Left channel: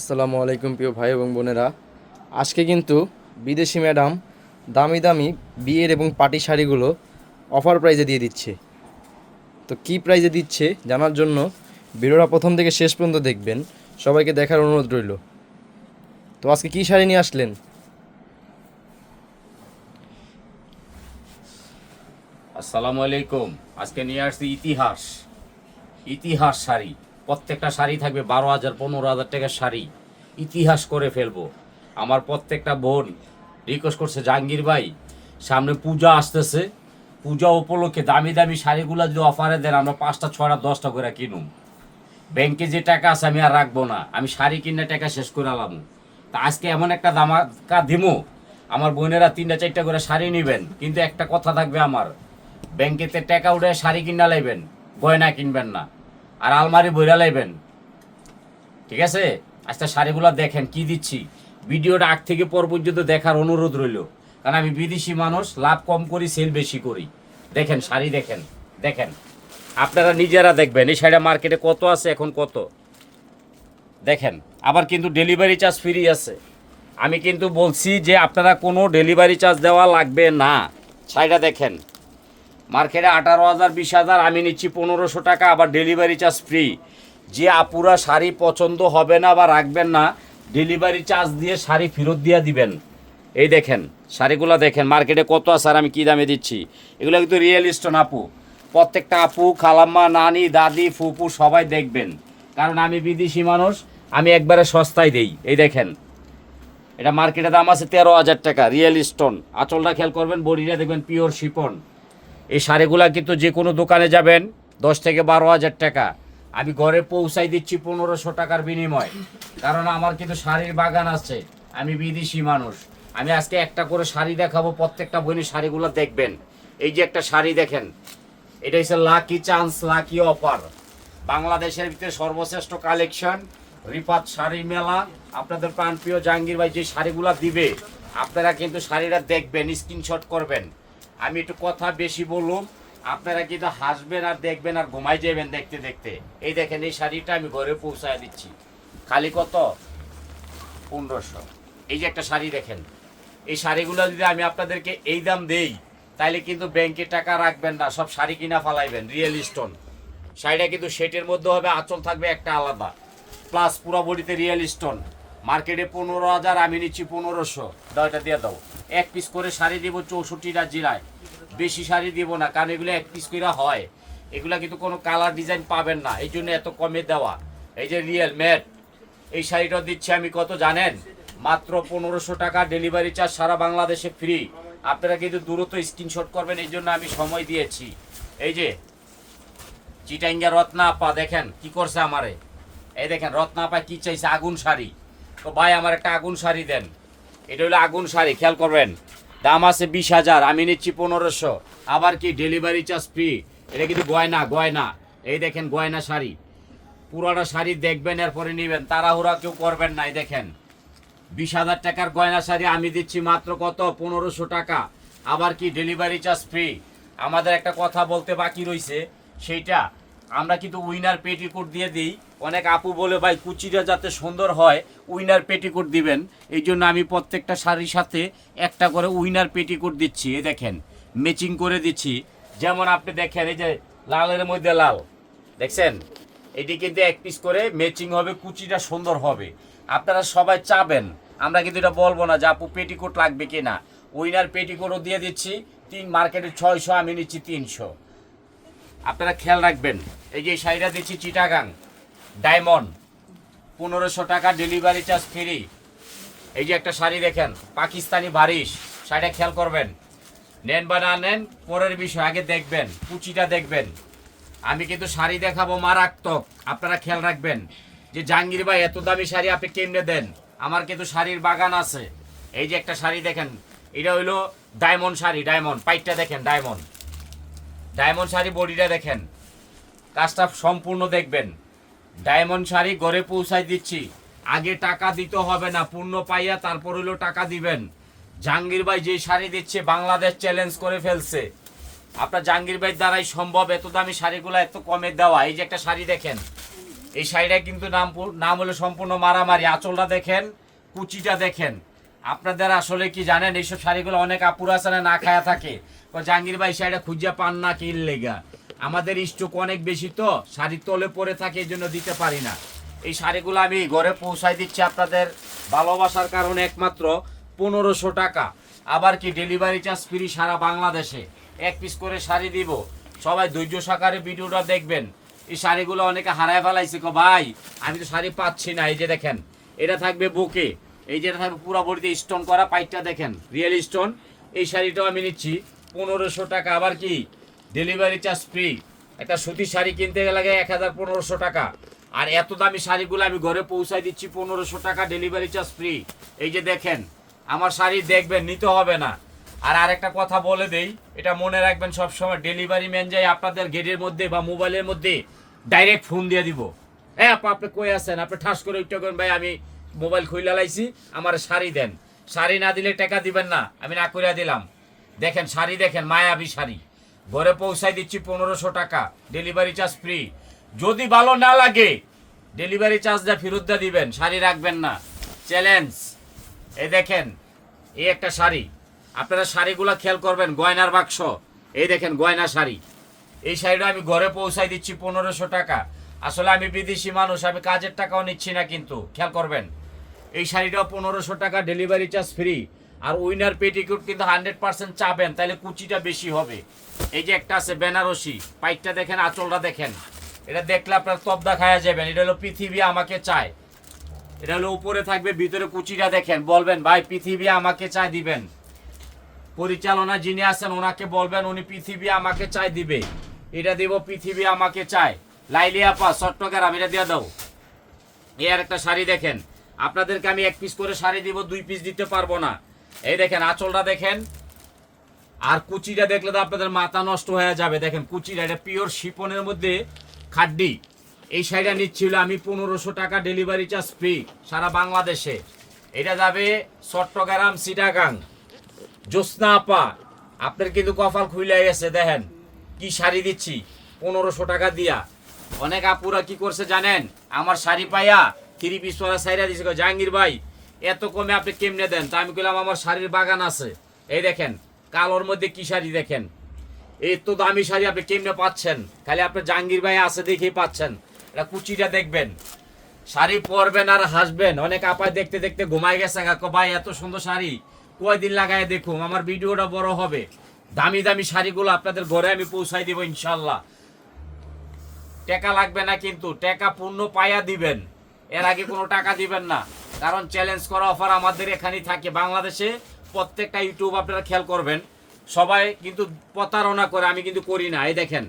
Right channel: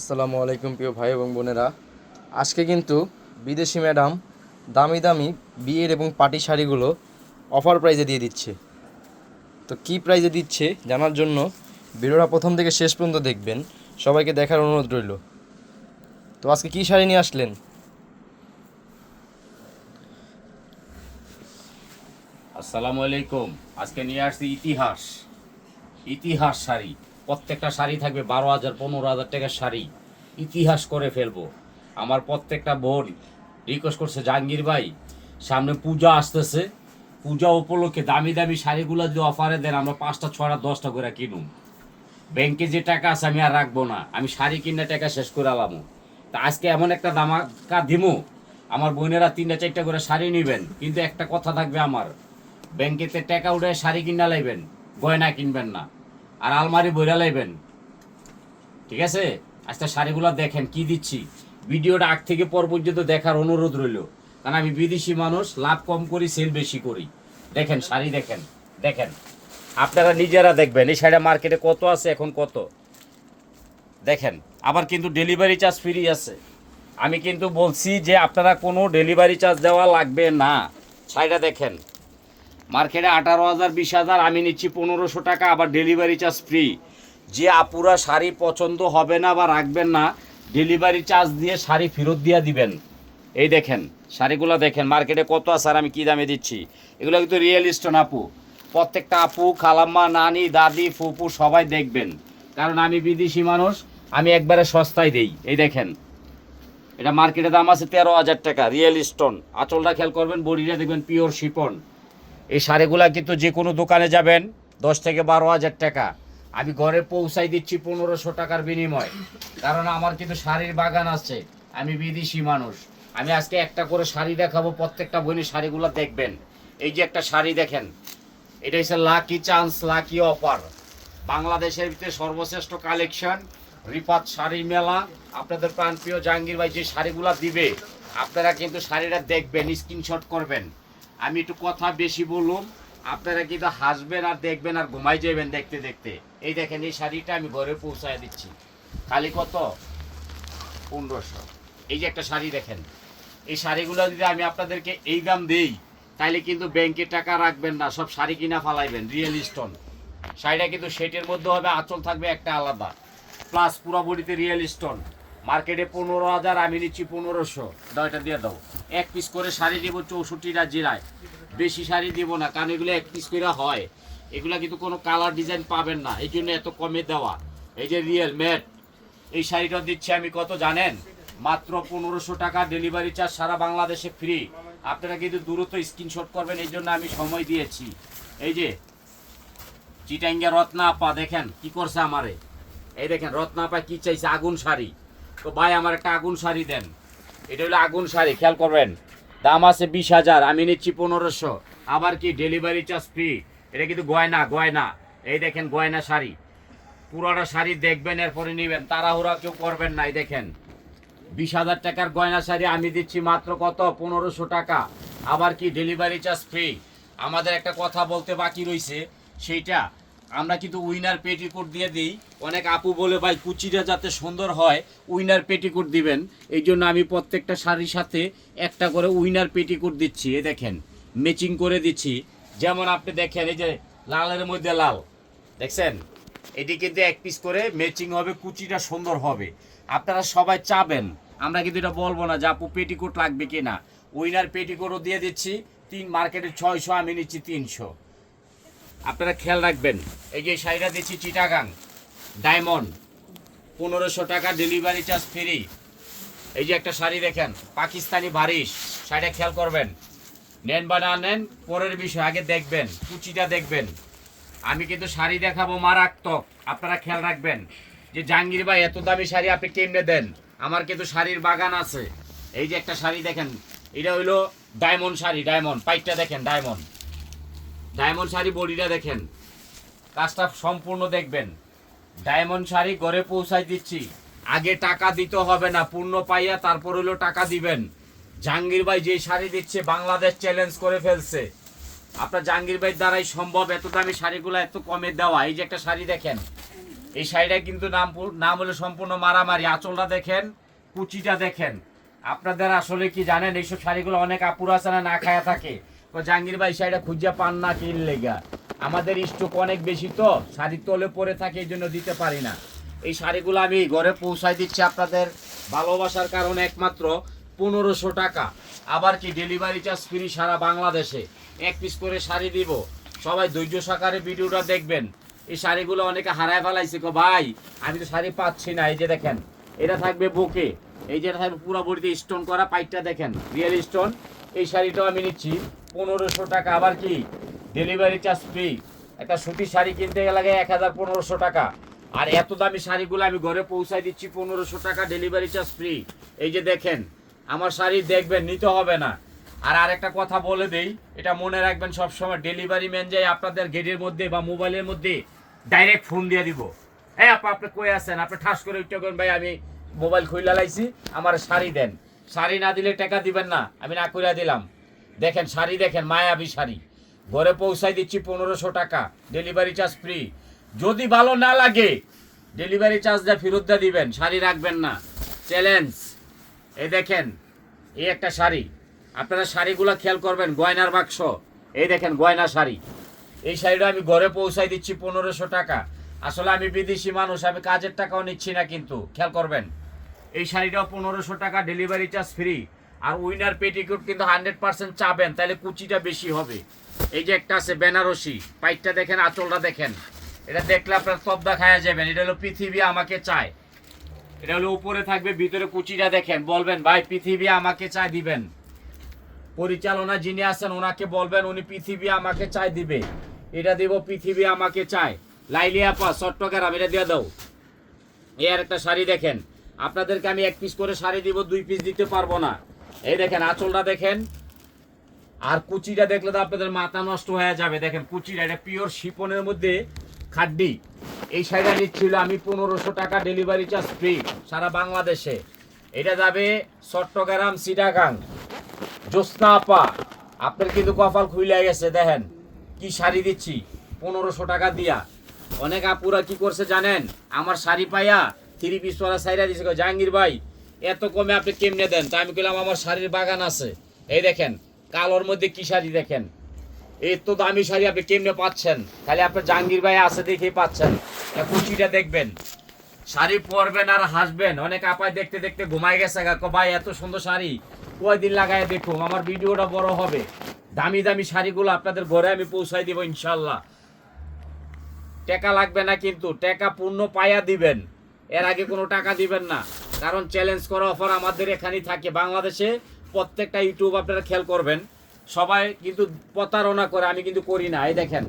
আসসালামু আলাইকুম প্রিয় ভাই এবং বোনেরা। আজকে কিন্তু বিদেশি ম্যাডাম দামি দামি বিয়ের এবং পার্টি শাড়িগুলো অফার প্রাইজে দিয়ে দিচ্ছে। তো কী প্রাইজে দিচ্ছে জানার জন্য ভিডিওটা প্রথম থেকে শেষ পর্যন্ত দেখবেন। সবাইকে দেখার অনুরোধ রইল। তো আজকে কী শাড়ি নিয়ে আসলেন? আসসালামু আলাইকুম। আজকে নিয়ে আসছি ইতিহাস ইতিহাস শাড়ি। প্রত্যেকটা শাড়ি থাকবে 12,000 15,000 টাকার শাড়ি। ইতিহাস করে ফেলবো। আমার প্রত্যেকটা বোন রিকোয়েস্ট করছে, জাহাঙ্গীর ভাই সামনে পূজা আসতেছে, পূজা উপলক্ষে দামি দামি শাড়িগুলো যদি অফারে দেন আমরা 5টা 6টা 10টা করে কিনুম। ব্যাংকে যে টাকা আছে আমি আর রাখবো না, আমি শাড়ি কিনে টাকা শেষ করে আলাম। তা আজকে এমন একটা দামাকা দিমু, আমার বোনেরা 3টা 4টা করে শাড়ি নেবেন, কিন্তু একটা কথা থাকবে, আমার ব্যাংকেতে টাকা উঠে শাড়ি কিনা লাইবেন, গয়না কিনবেন না, আর আলমারি বইরা লাইবেন। ঠিক আছে? আজকে শাড়িগুলো দেখেন কি দিচ্ছি। ভিডিওটা আগ থেকে পর পর্যন্ত দেখার অনুরোধ রইল, কারণ আমি বিদেশি মানুষ, লাভ কম করি সেল বেশি করি। দেখেন শাড়ি, দেখেন দেখেন, আপনারা নিজেরা দেখবেন এই শাড়িটা মার্কেটে কত আছে, এখন কত দেখেন। আবার কিন্তু ডেলিভারি চার্জ ফ্রি আছে। আমি কিন্তু বলছি যে আপনারা কোনো ডেলিভারি চার্জ দেওয়া লাগবে না। শাড়িটা দেখেন, মার্কেটে 18,000 20,000, আমি নিচ্ছি 1500 টাকা, আবার ডেলিভারি চার্জ ফ্রি। যে আপুরা শাড়ি পছন্দ হবে না বা রাখবেন না, ডেলিভারি চার্জ দিয়ে শাড়ি ফেরত দিয়ে দিবেন। এই দেখেন শাড়িগুলো দেখেন মার্কেটে কত আছে আর আমি কী দামে দিচ্ছি। এগুলো কিন্তু রিয়েল স্টোন আপু। প্রত্যেকটা আপু, খালাম্মা, নানি, দাদি, ফুপু সবাই দেখবেন, কারণ আমি বিদেশি মানুষ, আমি একবারে সস্তায় দেই। এই দেখেন, এটা মার্কেটে দাম আছে 13,000 টাকা, রিয়েল স্টোন। আঁচলটা খেয়াল করবেন, বডিটা দেখবেন পিওর শিপন। এই শাড়িগুলা কিন্তু যে কোনো দোকানে যাবেন 10 থেকে 12,000 টাকা, আমি ঘরে পৌঁছাই দিচ্ছি 1500 টাকার বিনিময়, কারণ আমার কিন্তু শাড়ির বাগান আছে। আমি বিদেশি মানুষ। আমি আজকে একটা করে শাড়ি দেখাবো, প্রত্যেকটা বোনই শাড়িগুলো দেখবেন। এই যে একটা শাড়ি দেখেন, এটা হচ্ছে লাকি চান্স, লাকি অফার। বাংলাদেশের ভিতরে সর্বশ্রেষ্ঠ কালেকশন রিফাত শাড়ি মেলা। আপনাদের প্রাণপ্রিয় জাহাঙ্গীর ভাই যে শাড়িগুলো দিবে, আপনারা কিন্তু শাড়িটা দেখবেন, স্ক্রিনশট করবেন। আমি একটু কথা বেশি বলুন, আপনারা কিন্তু হাসবেন আর দেখবেন আর ঘুমাই যাবেন দেখতে দেখতে। এই দেখেন এই শাড়িটা আমি ঘরে পৌঁছায় দিচ্ছি, খালি কত? 1500। এই যে একটা শাড়ি দেখেন, এই শাড়িগুলো যদি আমি আপনাদেরকে এই দাম দেই, তাইলে কিন্তু ব্যাংকে টাকা রাখবেন না, সব শাড়ি কিনা ফালাইবেন। রিয়েল স্টোন শাড়িটা কিন্তু সেটের মধ্যে হবে, আঁচল থাকবে একটা আলাদা, প্লাস পুরো বডিতে রিয়েল স্টোন। মার্কেটে 15,000, আমি নিচ্ছি 1500। দাও, এটা দিয়ে দাও। এক পিস করে শাড়ি দিব 64টা জিরায়, বেশি শাড়ি দিব না, কারণ এগুলো এক পিস করে হয়। এগুলো কিন্তু কোনো কালার ডিজাইন পাবেন না, এই জন্য এত কমে দেওয়া। এই যে রিয়েল ম্যাট, এই শাড়িটা দিচ্ছি আমি কত জানেন? মাত্র 1500 টাকা, ডেলিভারি চার্জ সারা বাংলাদেশে ফ্রি। আপনারা কিন্তু দ্রুত স্ক্রিনশট করবেন, এই জন্য আমি সময় দিয়েছি। এই যে চিটাঙ্গা রত্না আপা দেখেন কি করছে আমারে। এই দেখেন রত্না আপা কি চাইছে, আগুন শাড়ি। তো ভাই আমার একটা আগুন শাড়ি দেন। এটা হলো আগুন শাড়ি, খেয়াল করবেন। দাম আছে 20,000, আমি নিচ্ছি 1500। আবার কি ডেলিভারি চার্জ ফ্রি। এটা কিন্তু গয়না, গয়না। এই দেখেন গয়না শাড়ি, পুরাটা শাড়ি দেখবেন এরপরে নেবেন, তাড়াহুড়া কেউ করবেন না। এই দেখেন 20,000 টাকার গয়না শাড়ি আমি দিচ্ছি মাত্র কত? 1500 টাকা। আবার কি ডেলিভারি চার্জ ফ্রি। আমাদের একটা কথা বলতে বাকি রয়েছে, সেইটা আমরা কিন্তু উইনার পেটিকোট দিয়ে দিই। অনেক আপু বলে ভাই কুচিটা যাতে সুন্দর হয় উইনার পেটিকোট দিবেন, এই জন্য আমি প্রত্যেকটা শাড়ির সাথে একটা করে উইনার পেটিকোট দিচ্ছি। এই দেখেন ম্যাচিং করে দিচ্ছি। যেমন আপনি দেখেন, এই যে লালের মধ্যে লাল দেখছেন, এটি কিন্তু এক পিস করে ম্যাচিং হবে, কুচিটা সুন্দর হবে। আপনারা সবাই চাবেন, আমরা কিন্তু এটা বলবো না যে আপু পেটিকোট লাগবে কিনা। উইনার পেটিকোটও দিয়ে দিচ্ছি। মার্কেটে 600, আমি নিচ্ছি 300। আপনারা খেয়াল রাখবেন। এই যে শাড়িটা দিচ্ছি চিটাগাং ডায়মন্ড, 1500 টাকা, ডেলিভারি চার্জ ফ্রি। এই যে একটা শাড়ি দেখেন পাকিস্তানি বারিশ, শাড়িটা খেয়াল করবেন। নেন বা না নেন পরের বিষয়, আগে দেখবেন কুচিটা দেখবেন। আমি কিন্তু শাড়ি দেখাবো মারাত্মক, আপনারা খেয়াল রাখবেন যে জাহাঙ্গীর ভাই এত দামি শাড়ি আপনি কেমনে দেন। আমার কিন্তু শাড়ির বাগান আছে। এই যে একটা শাড়ি দেখেন, এটা হইলো ডায়মন্ড শাড়ি, ডায়মন্ড পাইটটা দেখেন, ডায়মন্ড ডায়মন্ড শাড়ি, বডিটা দেখেন, কাজটা সম্পূর্ণ দেখবেন। ডায়মন্ড শাড়ি ঘরে পৌঁছাই দিচ্ছি, আগে টাকা দিতে হবে না, পূর্ণ পাইয়া তারপর হলো টাকা দিবেন। জাহাঙ্গীর ভাই যে শাড়ি দিচ্ছে বাংলাদেশ চ্যালেঞ্জ করে ফেলছে। আপনার জাহাঙ্গীর ভাই দ্বারাই সম্ভব এত দামি শাড়িগুলো এত কমে দেওয়া। এই যে একটা শাড়ি দেখেন, এই শাড়িটা কিন্তু নাম হলো সম্পূর্ণ মারামারি। আঁচলটা দেখেন, কুচিটা দেখেন। আপনাদের আসলে কি জানেন, এইসব শাড়িগুলো অনেক আপুরা আছে না, না খায়া থাকে, জাহাঙ্গীর ভাই শাড়িটা খুঁজে পান না কি লেগা। আমাদের স্টক অনেক বেশি, তো শাড়ি তলে পরে থাকে, এই জন্য দিতে পারি না। এই শাড়িগুলো আমি ঘরে পৌঁছাই দিচ্ছি আপনাদের ভালোবাসার কারণে একমাত্র 1500 টাকা। আবার কি ডেলিভারি চার্জ ফ্রি সারা বাংলাদেশে। এক পিস করে শাড়ি দিব, সবাই ধৈর্য সহকারে ভিডিওটা দেখবেন। এই শাড়িগুলো অনেকে হারায় ফেলাইছে, কো ভাই আমি তো শাড়ি পাচ্ছি না। এই যে দেখেন, এটা থাকবে বুকে, এই যে থাকবে পুরো বডিতে স্টোন করা, পাইটটা দেখেন রিয়েল স্টোন। এই শাড়িটাও আমি নিচ্ছি 1500 টাকা। আবার কি ডেলিভারি চার্জ ফ্রি। একটা সুতির শাড়ি কিনতে গেলে লাগে 1500 টাকা, আর এত দামি শাড়িগুলো আমি ঘরে পৌঁছায় দিচ্ছি 1500 টাকা, ডেলিভারি চার্জ ফ্রি। এই যে দেখেন আমার শাড়ি, দেখবেন, নিতে হবে না। আর আরেকটা কথা বলে দেই, এটা মনে রাখবেন সবসময়, ডেলিভারি ম্যান যাই আপনাদের গেটের মধ্যে বা মোবাইলের মধ্যে ডাইরেক্ট ফোন দিয়ে দিব। হ্যাঁ আপনি কই আছেন, আপনি ঠাস করে উঠতে করেন, ভাই আমি মোবাইল খুইলা লাইছি, আমার শাড়ি দেন। শাড়ি না দিলে টাকা দিবেন না, আমি না কইরা দিলাম। দেখেন শাড়ি দেখেন, মায়াবী শাড়ি, ঘরে পৌঁছাই দিচ্ছি 1500 টাকা, ডেলিভারি চার্জ ফ্রি। যদি ভালো না লাগে ডেলিভারি চার্জটা ফেরত দিয়ে দিবেন, শাড়ি রাখবেন না, চ্যালেঞ্জ। এই দেখেন, এই একটা শাড়ি, আপনারা শাড়িগুলো খেয়াল করবেন, গয়নার বাক্স। এই দেখেন গয়না শাড়ি, এই শাড়িটা আমি ঘরে পৌঁছাই দিচ্ছি 1500 টাকা। আসলে আমি বিদেশি মানুষ, আমি কাজের টাকাও নিচ্ছি না, কিন্তু খেয়াল করবেন এই শাড়িটাও 1500 টাকা, ডেলিভারি চার্জ ফ্রি। আর উইনার পেটিকোট কিন্তু 100% চাবেন, তাহলে কুচিটা বেশি হবে। এই যে একটা আছে বেনারসি, পাইটটা দেখেন, আঁচলটা দেখেন, এটা দেখলে আপনার তবদা খায়া যাবেন। এটা হলো পৃথিবী আমাকে চায়। এটা হলো উপরে থাকবে, ভিতরে কুচিটা দেখেন, বলবেন ভাই পৃথিবী আমাকে চায় দিবেন। পরিচালনা যিনি আছেন ওনাকে বলবেন, উনি পৃথিবী আমাকে চায় দিবে। এটা দিব পৃথিবী আমাকে চায়। লাইলি আপা চট্টগ্রাম, এটা দিয়ে দাও। এই আর একটা শাড়ি দেখেন, আপনাদেরকে আমি এক পিস করে শাড়ি দিব, 2 পিস দিতে পারবো না। এই দেখেন আঁচলটা দেখেন, আর কুচিটা দেখলে তো আপনাদের মাথা নষ্ট হয়ে যাবে। দেখেন কুচিটা, এটা পিওর শিপনের মধ্যে খাড্ডি। এই শাড়িটা নিচ্ছিল আমি 1500 টাকা, ডেলিভারি চার্জ ফ্রি সারা বাংলাদেশে। এটা যাবে চট্টগ্রাম, চিটাগাং। জ্যোৎস্না আপা, আপনার কিন্তু কপাল খুলে গেছে, দেখেন কি শাড়ি দিচ্ছি 1500 টাকা দিয়া। অনেক আপুরা কি করছে জানেন, আমার শাড়ি পাইয়া 3 পিস পরা সাইরা দিছে, কয় জাহাঙ্গীর ভাই এত কমে আপনি কেমনে দেন? তো আমি বললাম আমার শাড়ির বাগান আছে। এই দেখেন কালোর মধ্যে কি শাড়ি দেখেন, এই তো দামি শাড়ি আপনি কেমনে পাচ্ছেন? খালি আপনার জাহাঙ্গীর ভাই আছে দেখেই পাচ্ছেন। আর কুচিটা দেখবেন, শাড়ি পরবেন আর হাসবেন। অনেক আপায় দেখতে দেখতে ঘুমাই গেছে, ভাই এত সুন্দর শাড়ি কয়দিন লাগায় দেখুন, আমার ভিডিওটা বড় হবে। দামি দামি শাড়িগুলো আপনাদের ঘরে আমি পৌঁছাই দিব ইনশাল্লাহ। টাকা লাগবে না, কিন্তু টাকা পূর্ণ পাইয়া দিবেন, এর আগে কোনো টাকা দিবেন না। কারণ চ্যালেঞ্জ করা অফার আমাদের এখানেই থাকে বাংলাদেশে। প্রত্যেকটা ইউটিউব আপনারা খেয়াল করবেন, সবাই কিন্তু প্রতারণা করে, আমি কিন্তু করি না। এই দেখেন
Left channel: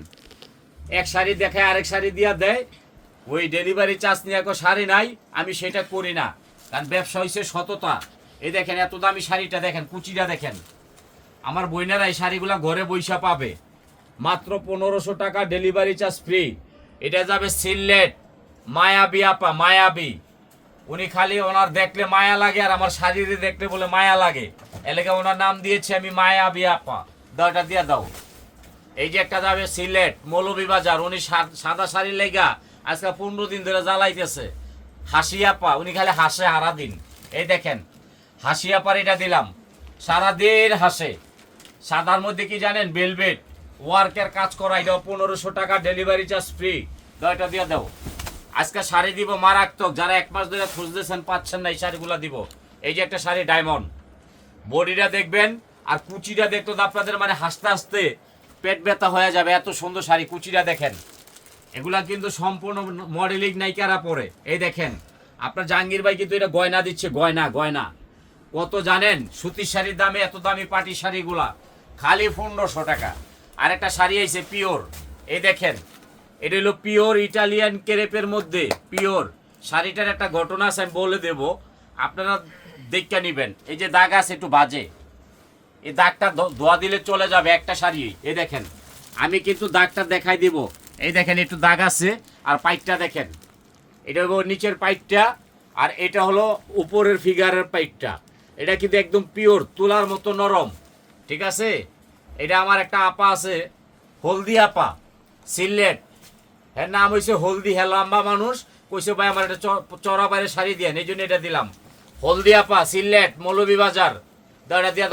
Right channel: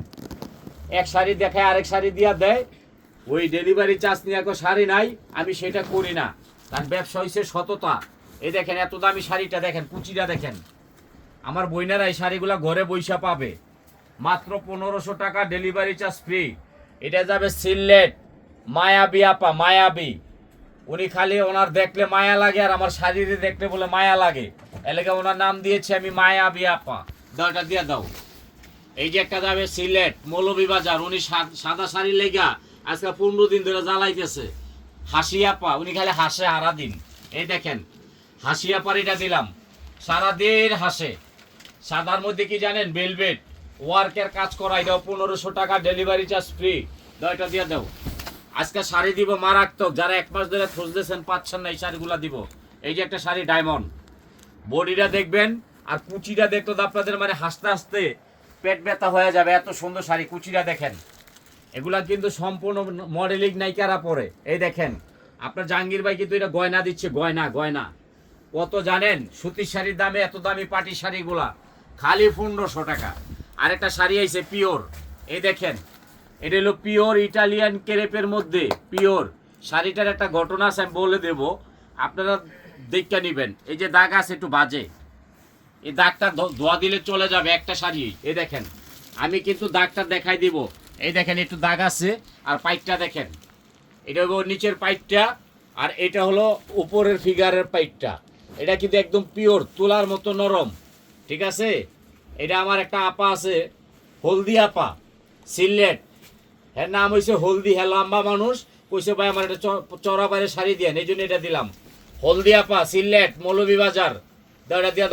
এক শাড়ি দেখায় আরেক শাড়ি দিয়া দেয়, ওই ডেলিভারি চার্জ নিয়ে শাড়ি নাই, আমি সেটা করি না। কারণ ব্যবসা হয়েছে সততা। এই দেখেন এত দামি শাড়িটা দেখেন, কুচিটা দেখেন। আমার বইনারা এই শাড়িগুলা ঘরে বৈশা পাবে মাত্র 1500 টাকা, ডেলিভারি চার্জ ফ্রি। এটা যাবে সিলেট, মায়াবী আপা, মায়াবী। উনি খালি ওনার দেখলে মায়া লাগে, আর আমার শাড়িতে দেখলে বলে মায়া লাগে, এলাকা ওনার নাম দিয়েছে আমি মায়াবী আপা। দরটা দিয়ে দাও। এই যে একটা যাবে সিলেট, মৌলভীবাজার, উনি সাদা শাড়ি লেগা আজকে 15 দিন ধরে জ্বালাইতেছে। হাসি আপা, উনি খালি হাসে সারাদিন। এই দেখেন হাসি আপার এটা দিলাম, সারাদিন হাসে। সাদার মধ্যে কি জানেন, ভেলভেট ওয়ার্কের কাজ করা, এটাও 1500 টাকা, ডেলিভারি চার্জ ফ্রি। দয়টা দিয়ে দাও। আজকে শাড়ি দিব মারাত্মক, যারা 1 মাস ধরে খুঁজতেছেন পাচ্ছেন না, এই শাড়িগুলো দিব। এই যে একটা শাড়ি ডায়মন্ড, বডিটা দেখবেন আর কুচিটা দেখতো তো আপনাদের মানে হাসতে হাসতে পেট ব্যথা হয়ে যাবে, এত সুন্দর শাড়ি। কুচিটা দেখেন, এগুলা কিন্তু সম্পূর্ণ মডেলিং নায়িকারা পরে। এই দেখেন আপনার জাহাঙ্গীর ভাই কিন্তু এটা গয়না দিচ্ছে, গয়না গয়না। কত জানেন সুতির শাড়ির দামে এত দামি পাটি শাড়িগুলা খালি 1500 টাকা। আরেকটা শাড়ি আইছে পিওর, এই দেখেন এটা হলো পিওর ইটালিয়ান ক্রেপের মধ্যে পিওর। শাড়িটার একটা ঘটনা আছে আমি বলে দেব, আপনারা দেখে নেবেন। এই যে দাগ আছে একটু বাজে, এই দাগটা ধোয়া দিলে চলে যাবে একটা শাড়ি। এই দেখেন আমি কিন্তু দাগটা দেখাই দিব। এই দেখেন একটু দাগ আছে, আর পাইটটা দেখেন, এটা হলো নিচের পাইটটা, আর এটা হলো উপরের ফিগারের পাইটটা। এটা কিন্তু একদম পিওর, তুলার মতো নরম, ঠিক আছে। এটা আমার একটা আপা আছে, হলদি আপা, সিলেট, এর নাম হয়েছে হলদি। হ্যাঁ লম্বা মানুষ, কইছে ভাই আমার একটা চড়া বাইরে শাড়ি দিয়ে এই জন্য এটা দিলাম। হলদিয়াপা, সিলেট, মৌলভীবাজার, দাঁড়া দিয়া